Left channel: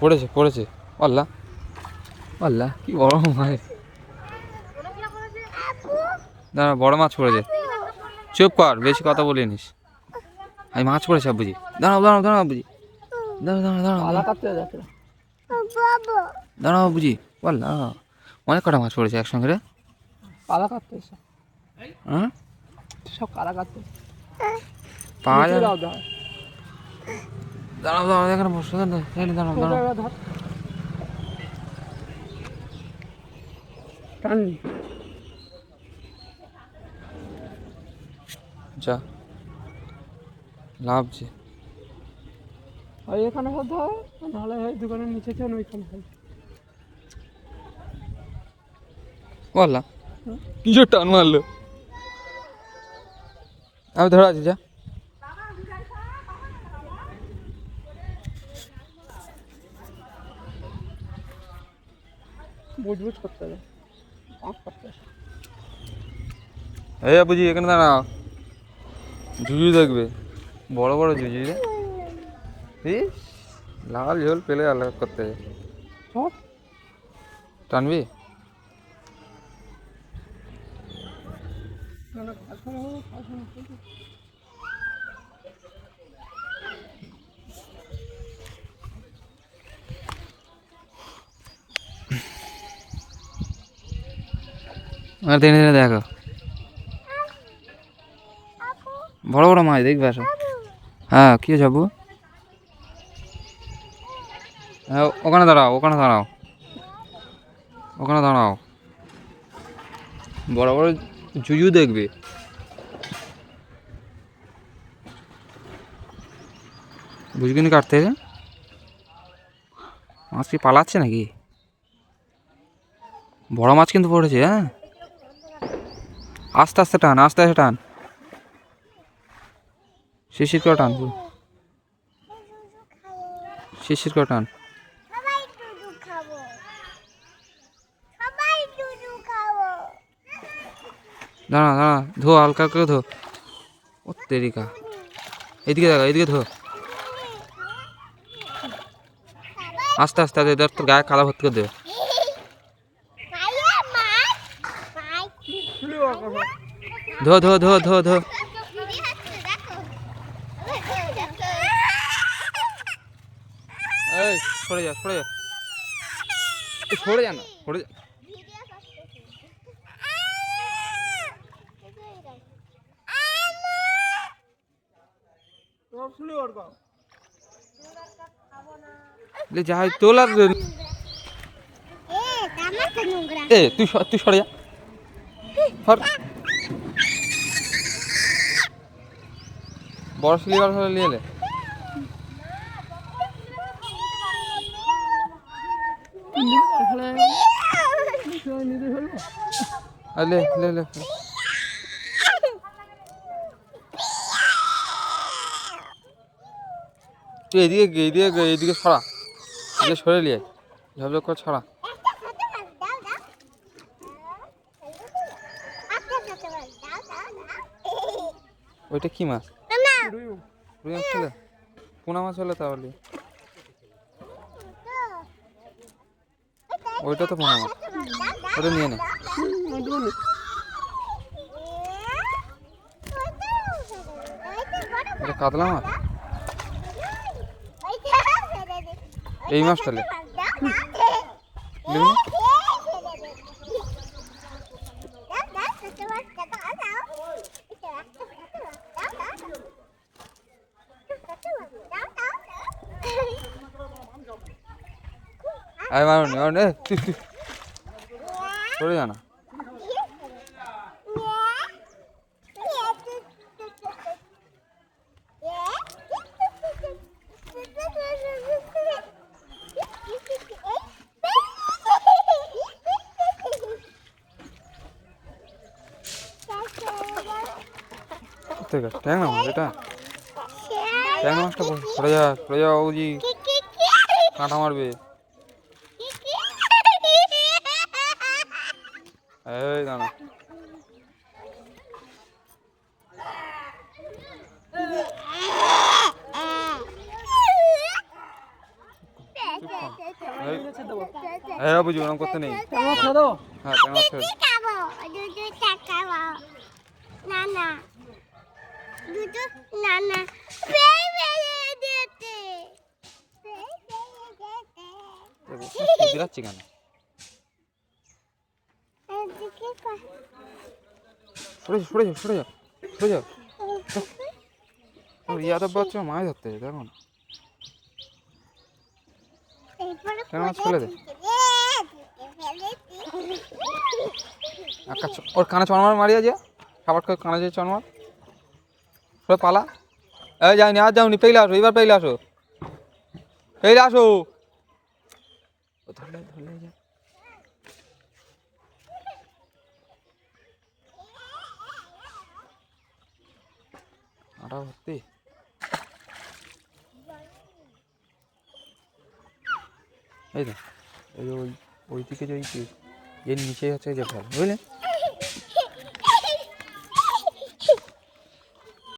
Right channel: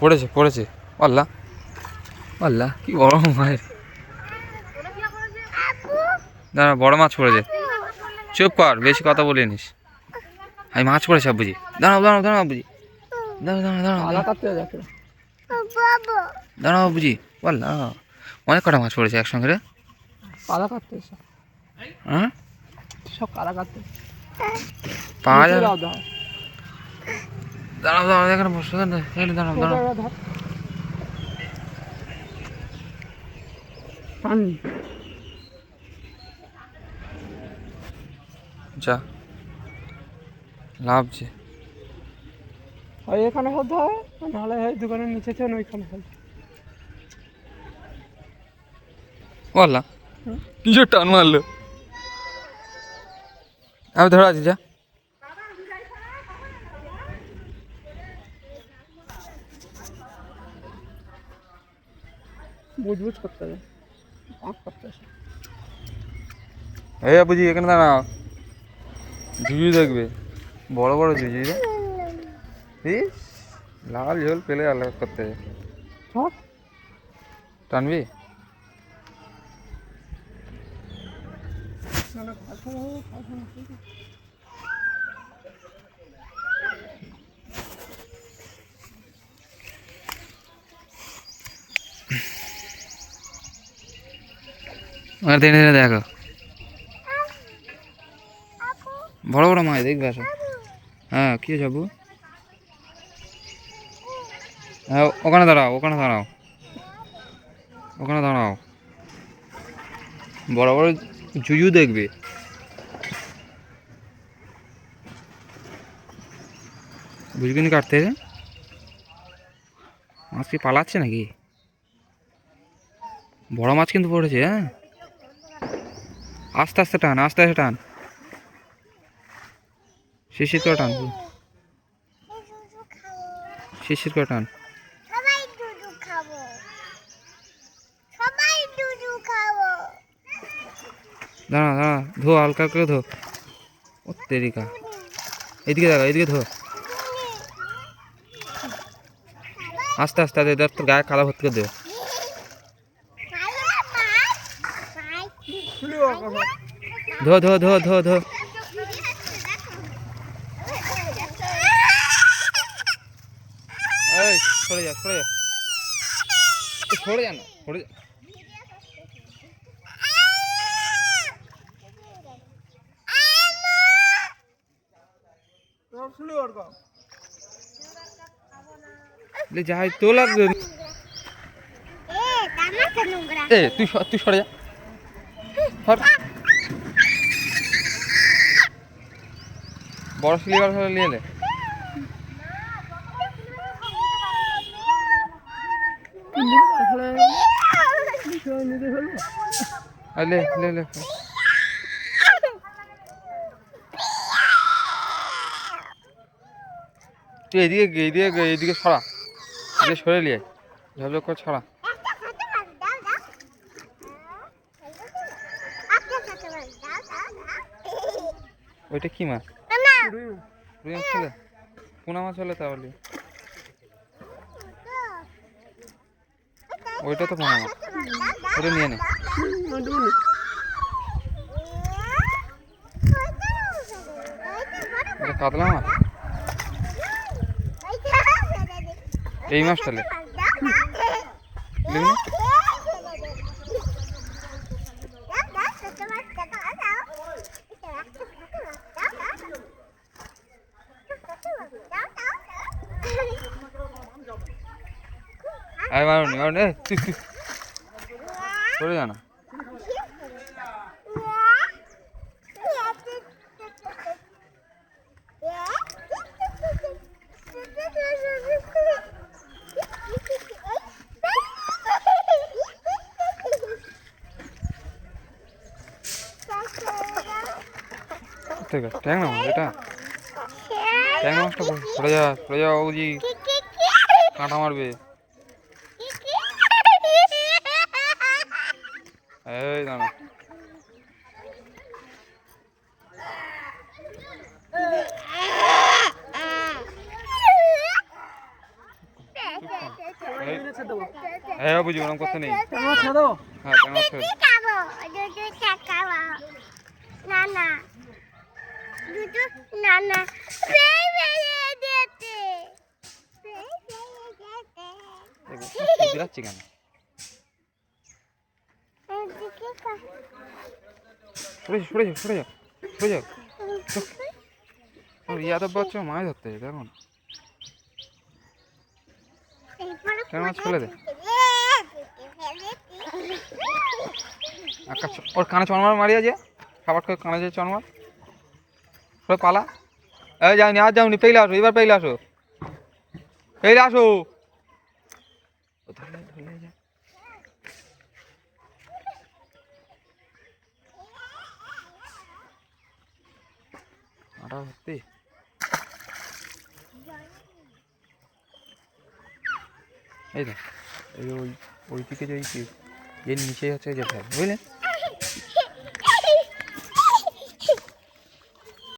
পড়েছে পড়েছে। আল্লাহ আল্লাহ, কি বড় মাছ! দাঁড়া, বড় মাছ পড়েছে। চুপ কর, বেশি কথা বলিনিস। আমি মাছ পড়েছে বুঝি। দাঁড়াও দাঁড়াও দাঁড়াও বুঝি, দাঁড়াও দাঁড়াও দাঁড়াও দাঁড়াও বুঝি। আল্লাহ, অনেক কটা মাছ পড়েছে একসঙ্গে রে। পালা কাটতে হ্যাঁ, সব কালা কাটতে পাওয়া যাবে। দাঁড়াও দাঁড়াও, এখানে বসে দাঁড়াও দাঁড়াও। যা লাভছে। ওই এখানে হতে হয়, নাহলে এই দোকানের নিচে চেন ওইখানে হয়। বললাম কিসের টান মারলো। আমি ধরে আছি, যা। বুঝবুঝ করতে হবে। এই বুঝি, এখানে দাঁড়াও। ঝুঝি দেখবে, বড় বড় ঝুঝি রে। ইস, লাল ঝোল পেলে আলাদা করতে টানবি। টেনে টেনে দেখো, বড় বড় মাছ দেখবে। আসো। হ্যাঁ, কি যাবো? হ্যাঁ, ওখানে দাঁড়াও, ওখানে দাঁড়াও, ওখানে দাঁড়াও। বড় বড় জুজু দেখবে। বুঝবি না কাটতে মাছ কি পালাচ্ছে নাকি? বড় মাছ কিন্তু পড়েছে। হ্যাঁ, আস্তে আস্তে টান, আস্তে আস্তে টান, শিশির করে টান, শিশির করে টান। দাঁড়া দাঁড়া, ধো, হালকা করে ধো। ও তেরিকা, এদিকে দেখো, এদিকে ধো। আস্তে আস্তে আস্তে, তোর গায়ে কাদা ভর্তি করে দেবে। ধো ধো ধো ধো ধো। এই সরে যা, সরে যা, সরে যা না, সরে যা। যাই তোলার। এ তুই তুই সরে যা। বড় স্লিপার হলে নিয়ে এলে। লে লে লে, তুই এদিকে এদিকে এদিকে ছড়া, এদিকে সরে নিয়ে ঝপঝপ করে ছড়া। ওইটা কি মাছ? রুই মাছ ছিল? পোনা মাছ হলে তাহলে। ওইটা তো পোনা মাছ, ওটা নিয়ে নে। এটা কাতলা মাছ। এই মাছটা লে, দেখুন। আরে মারুনি, মারুনি, তুই তুই সরে যা না। ঠিক আছে, ট্যাংরা মাছ এটা। ট্যাংরা মাছটা সরে যা, সরে যা বাবুজি, কাঁটা মারবে। এই দাঁড়া, হ্যাঁ বুঝি ওরকম করতে নেই। আমার ছেড়ে দেবো। হ্যাঁ কেন ছেড়ে দে। বিরাচ্ছি কেন? সরে যা সরে যা সরে যা সরে যা। ইয়াদব বাচ্চা মাছ ধরতে যেত এখন। কেন মাছ ফেলে দে। ওর কানে চনমার মারিয়া যে খাবার খেয়ে কানে যে চনমার সব পালা। এই যাইনি আর যাওনি, পেলে আসো, এবার পেলে আসো, পেলে আসো। ও ধরলে ধরলে যা। আটা ভর্তি। এই তো এই ওই ওই দিকে যে এর নিচে হচ্ছে যে ফেল বুঝলেন।